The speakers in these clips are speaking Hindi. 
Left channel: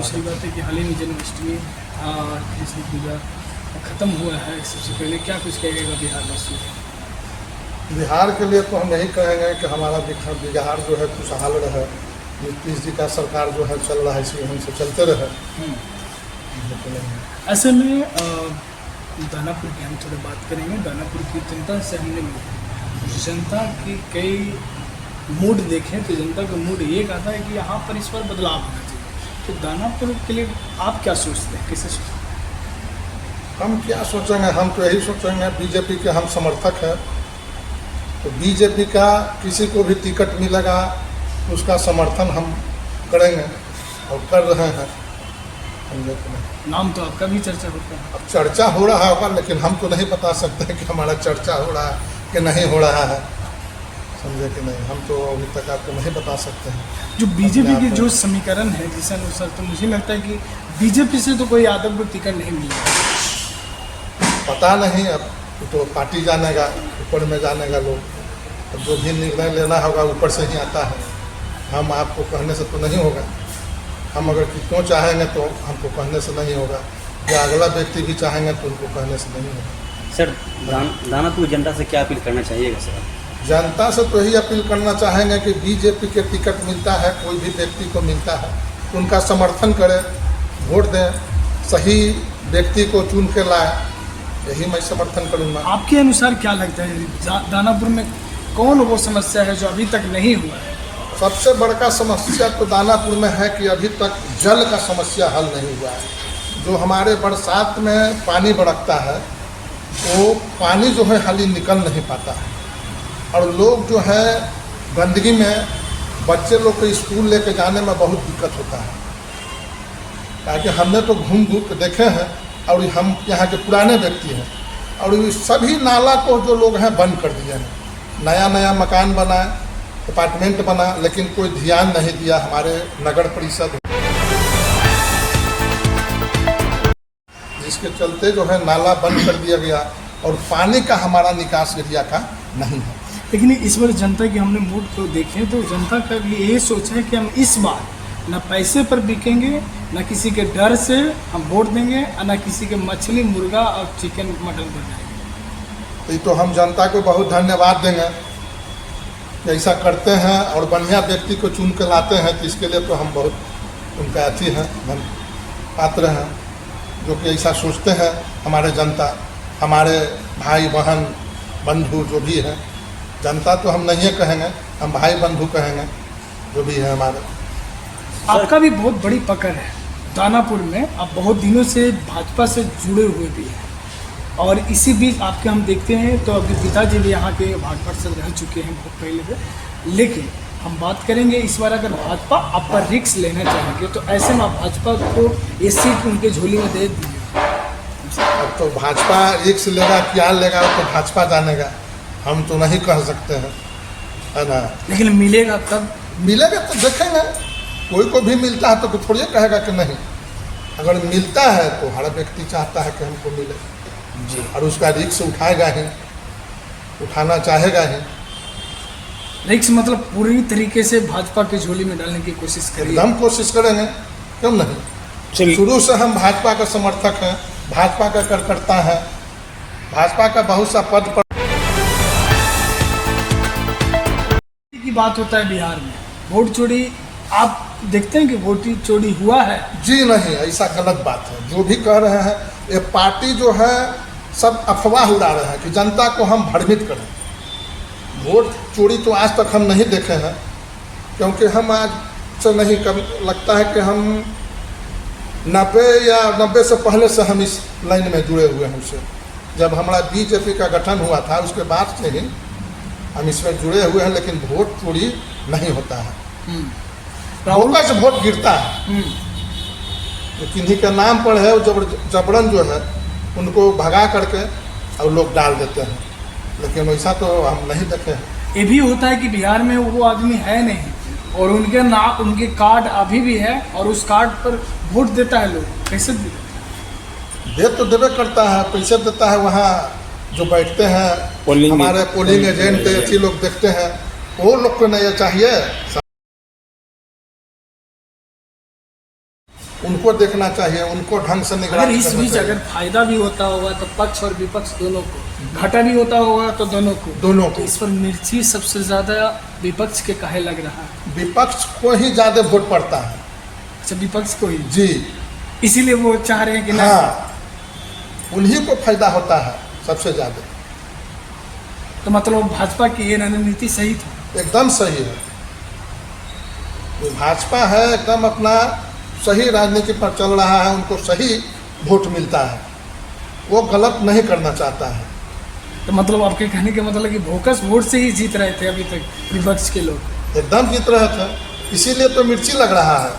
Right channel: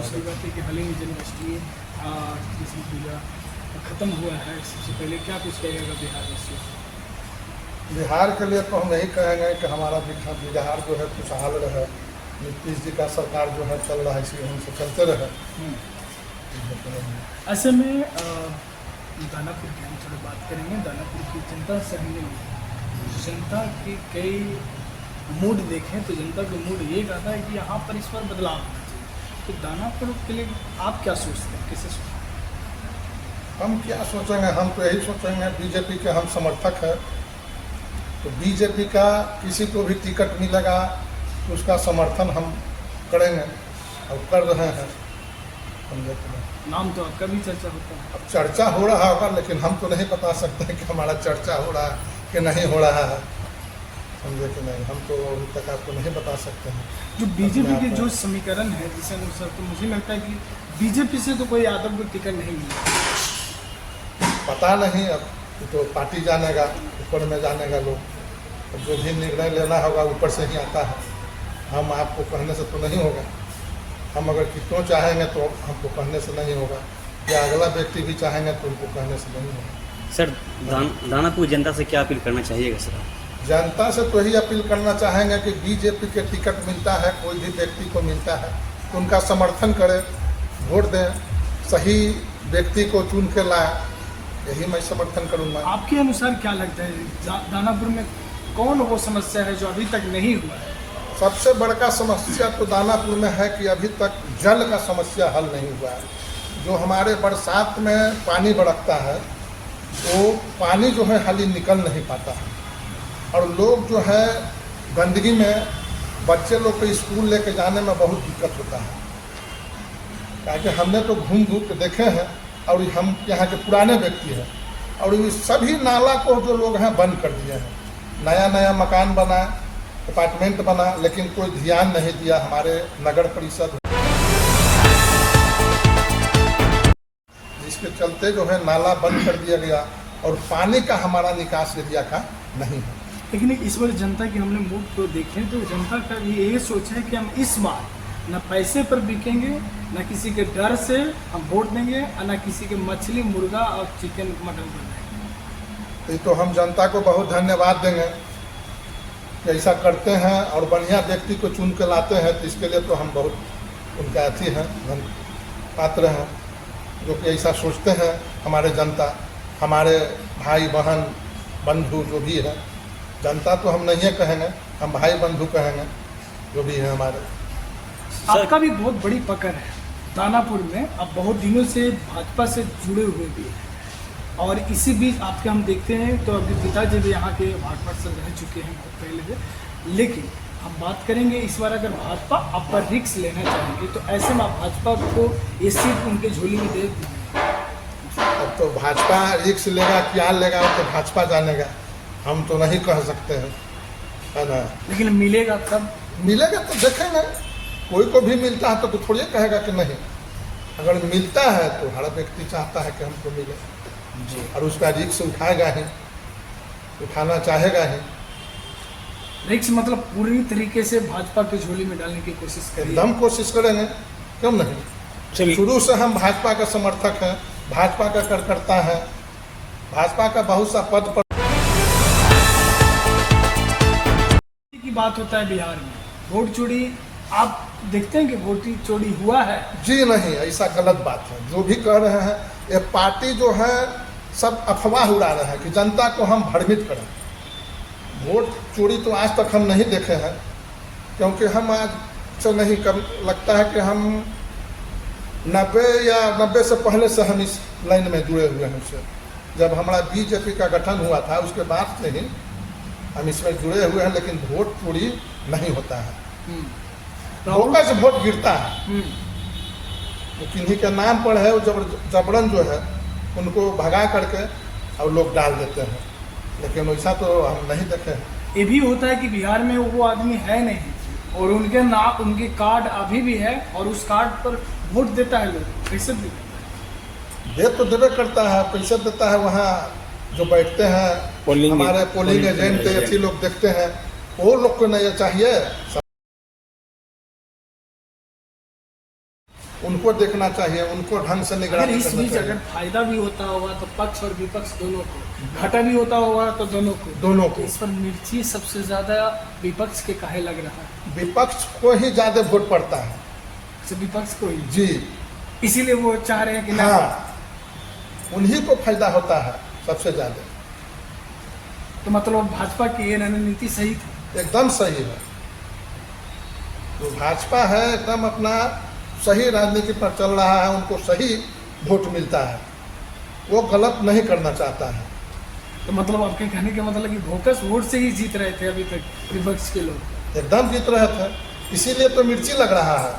दूसरी बात है कि हाल ही में जन्माष्टमी और कृष्ण पूजा ख़त्म हुआ है, सबसे पहले क्या कुछ कहेगा बिहार वासियों को? बिहार के लिए तो हम यही कहेंगे कि हमारा बिहार जो है खुशहाल रहे, नीतीश जी का सरकार जो है चल रहा है इसी ढंग से चलते रहे। ऐसे में दानापुर की हम थोड़ी बात करेंगे। दानापुर की जनता से हमने मिले, जनता की कई मूड देखें तो जनता का मूड ये कहता है कि यहाँ पर इस बार बदलाव होना चाहिए। तो दानापुर के लिए आप क्या सोचते हैं, कैसे सोचते हैं? हम क्या सोचेंगे, हम तो यही सोचेंगे, बीजेपी के हम समर्थक हैं, तो बीजेपी का किसी को भी टिकट मिलेगा तो उसका समर्थन हम करेंगे और कर रहे हैं। नाम तो आपका भी चर्चा होता है। अब चर्चा हो रहा होगा, लेकिन हम तो नहीं बता सकते हैं कि हमारा चर्चा हो रहा है कि नहीं हो रहा है, समझे कि नहीं। हम तो अभी तक आपको नहीं बता सकते हैं। जो बीजेपी के जो समीकरण है जिस अनुसार, तो मुझे लगता है कि बीजेपी से तो कोई यादव को टिकट नहीं मिलेगा। पता नहीं, अब तो पार्टी जानेगा, ऊपर में जानेगा लोग, तो जो भी निर्णय लेना होगा ऊपर से ही आता है। हम आपको कहने से तो नहीं होगा। हम अगर कितनों चाहेंगे तो हमको कहने से नहीं होगा, या अगला व्यक्ति भी चाहेंगे तो उनको कहने से नहीं होगा। सर, दानापुर जनता से क्या अपील करना चाहिएगा सर? जनता से तो यही अपील करना चाहेंगे कि बीजेपी के टिकट मिलता है, कोई भी व्यक्ति को मिलता है तो उनका समर्थन करें, वोट दें, सही व्यक्ति को चुन के लाए, यही मैं समर्थन करूँगा। आपके अनुसार क्या लगता है दानापुर में कौन वो समस्या है जो अभी तक नहीं हुआ है? सबसे बड़का समस्या तो दानापुर में है कि अभी तक जल का समस्या हल नहीं हुआ है। जो हमारे बरसात में पानी बरसता है वो पानी जो है हाली निकल नहीं पाता है, और लोग जो है गंदगी में, बच्चे लोग को स्कूल लेके जाने में बहुत दिक्कत होता है। ताकि हमने तो घूम घूम के देखे हैं, और हम यहाँ के पुराने व्यक्ति हैं, और ये सभी नाला को जो लोग हैं बंद कर दिए हैं। नया नया मकान बना, अपार्टमेंट बना, लेकिन कोई ध्यान नहीं दिया हमारे नगर परिषद, जिसके चलते जो है नाला बंद कर दिया गया और पानी का हमारा निकास एरिया का नहीं है। लेकिन इस बार जनता की हमने मूड को देखें तो जनता का भी यही सोच है कि हम इस बार ना पैसे पर बिकेंगे, ना किसी के डर से हम वोट देंगे, और ना किसी के मछली, मुर्गा और चिकन मटन पर जाएंगे। ये तो हम जनता को बहुत धन्यवाद देंगे कि ऐसा करते हैं और बढ़िया व्यक्ति को चुन कर लाते हैं, तो इसके लिए तो हम बहुत उनका अथी हैं, हम पात्र हैं, जो कि ऐसा सोचते हैं। हमारे जनता, हमारे भाई बहन बंधु जो भी है, जनता तो हम नहीं कहेंगे, हम भाई बंधु कहेंगे, जो भी है हमारे। आपका भी बहुत बड़ी पकड़ है दानापुर में, आप बहुत दिनों से भाजपा से जुड़े हुए भी हैं, और इसी बीच आपके हम देखते हैं तो आपके पिताजी भी यहाँ के वार्ड पार्षद रह चुके हैं बहुत पहले से। लेकिन हम बात करेंगे इस बार अगर भाजपा आप पर रिस्क लेना चाहेंगे तो ऐसे में आप भाजपा को ये सीट उनके झोली में दे दीजिए। अब तो भाजपा रिस्क लेगा क्या लेगा तो भाजपा जानेगा, हम तो नहीं कह सकते हैं, है ना। लेकिन मिलेगा तब, मिलेगा तो देखेंगे, कोई को भी मिलता है तो थोड़ी कहेगा कि नहीं। अगर मिलता है तो हर व्यक्ति चाहता है कि हमको मिले जी, और उसका रिस्क उठाएगा ही, उठाना चाहेगा ही। रिस्क मतलब पूरी तरीके से भाजपा के झोली में डालने की कोशिश करिए। हम कोशिश करेंगे, क्यों नहीं। शुरू से हम भाजपा का समर्थक हैं, भाजपा का कार्यकर्ता हैं, भाजपा का बहुत सा पद पर की बात होता है बिहार में, वोट चोरी आप देखते हैं कि वोट चोरी हुआ है? जी नहीं, ऐसा गलत बात है। जो भी कह रहे हैं ये पार्टी जो है सब अफवाह उड़ा रहे हैं कि जनता को हम भ्रमित करें। वोट चोरी तो आज तक हम नहीं देखे हैं, क्योंकि हम आज से नहीं लगता है कि हम 90 से पहले से हम इस लाइन में जुड़े हुए हैं। उससे जब हमारा बीजेपी का गठन हुआ था उसके बाद से ही हम इसमें जुड़े हुए हैं, लेकिन वोट चोरी नहीं होता है। मौका से वोट गिरता है, तो किन्हीं के नाम पर है और जबरन जो है उनको भगा करके और लोग डाल देते हैं, लेकिन वैसा तो हम नहीं देखे हैं। ये भी होता है कि बिहार में वो आदमी है नहीं और उनके नाम, उनके कार्ड अभी भी है और उस कार्ड पर वोट देता है लोग, कैसे दे देता है? दे तो देवे करता है, पैसे देता है। वहाँ जो बैठते हैं हमारे पोलिंग एजेंट ऐसे लोग देखते हैं, वो लोग को नहीं चाहिए, उनको देखना चाहिए, उनको ढंग से अगर निगरानी इस करना बीच चाहिए। अगर फायदा भी होता होगा तो पक्ष और विपक्ष दोनों को, घाटा भी होता होगा तो दोनों को। दोनों तो को इस पर मिर्ची सबसे ज्यादा विपक्ष के काहे लग रहा है? विपक्ष को ही ज्यादा वोट पड़ता है। अच्छा, विपक्ष को ही, जी इसीलिए वो चाह रहे हैं कि ना। हाँ, उन्हीं को फायदा होता है सबसे ज्यादा। तो मतलब भाजपा की ये रणनीति सही थी। एकदम सही है। जो भाजपा है एकदम अपना सही राजनीति पर चल रहा है, उनको सही वोट मिलता है, वो गलत नहीं करना चाहता है। तो मतलब आपके कहने के मतलब कि बोकस वोट से ही जीत रहे थे अभी तक विपक्ष के लोग। एकदम जीत रहे थे, इसीलिए तो मिर्ची लग रहा है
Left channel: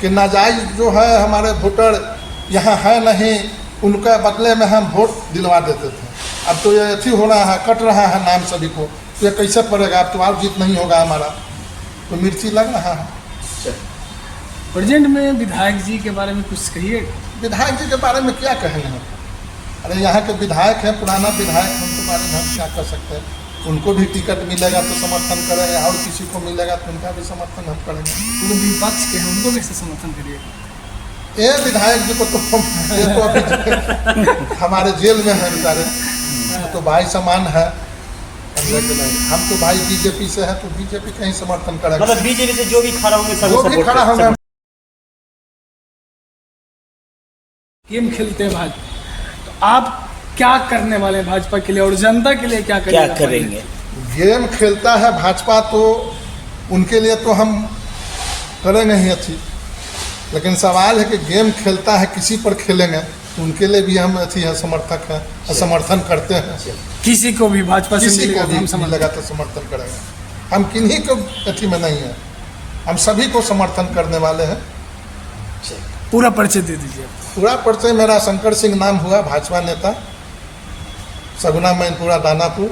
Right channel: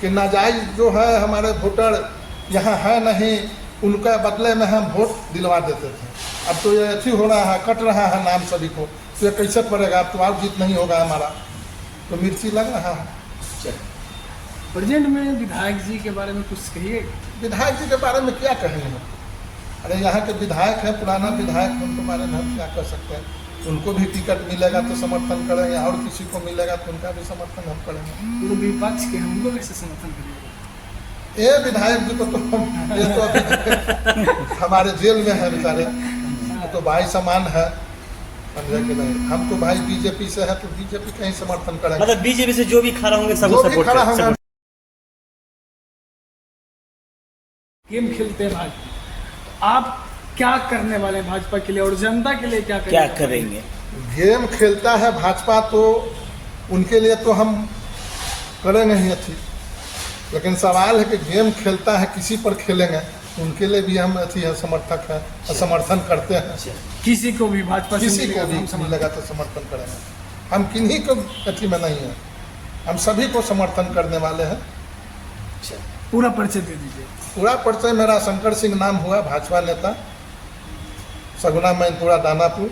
कि नाजायज जो है हमारे वोटर यहाँ है नहीं, उनका बदले में हम वोट दिलवा देते थे। अब तो ये अथी हो रहा है, कट रहा है नाम सभी को, तो ये कैसे पड़ेगा? अब तो और जीत नहीं होगा हमारा, तो मिर्ची लग रहा है। प्रेजेंट में विधायक जी के बारे में कुछ कहिए। विधायक जी के बारे में क्या कहें हम? अरे यहाँ के विधायक हैं, पुराना विधायक, उनके बारे में हम क्या कर सकते हैं? उनको भी टिकट मिलेगा तो समर्थन करेंगे, और किसी को मिलेगा तो उनका भी समर्थन हम करेंगे। वो विपक्ष के हैं, उनको कैसे समर्थन करिएगा? ये विधायक जी को तो ये तो अभी हमारे जेल में है बेचारे, तो भाई समान है। हम तो भाई बीजेपी से है, तो बीजेपी का ही समर्थन करेंगे। मतलब बीजेपी से जो भी खड़ा होंगे सब वो भी सपोर्ट खड़ा होंगे। गेम खेलते हैं भाजपा, तो आप क्या करने वाले हैं भाजपा के लिए और जनता के लिए क्या करेंगे? गेम खेलता है भाजपा तो उनके लिए तो हम करेंगे ही अच्छी, लेकिन सवाल है कि गेम खेलता है किसी पर खेलेंगे तो उनके लिए भी हम अच्छी है, समर्थक हैं, समर्थन करते हैं। किसी को भी भाजपा से किसी मिलेगा को तो भी हम समर्थन मिलेगा तो समर्थन करेंगे। हम किन्हीं को अथी में नहीं है, हम सभी को समर्थन करने वाले हैं। पूरा परिचय दे दीजिए। पूरा परिचय मेरा शंकर सिंह नाम हुआ, भाजपा नेता, सगुना मैनपुरा दानापुर।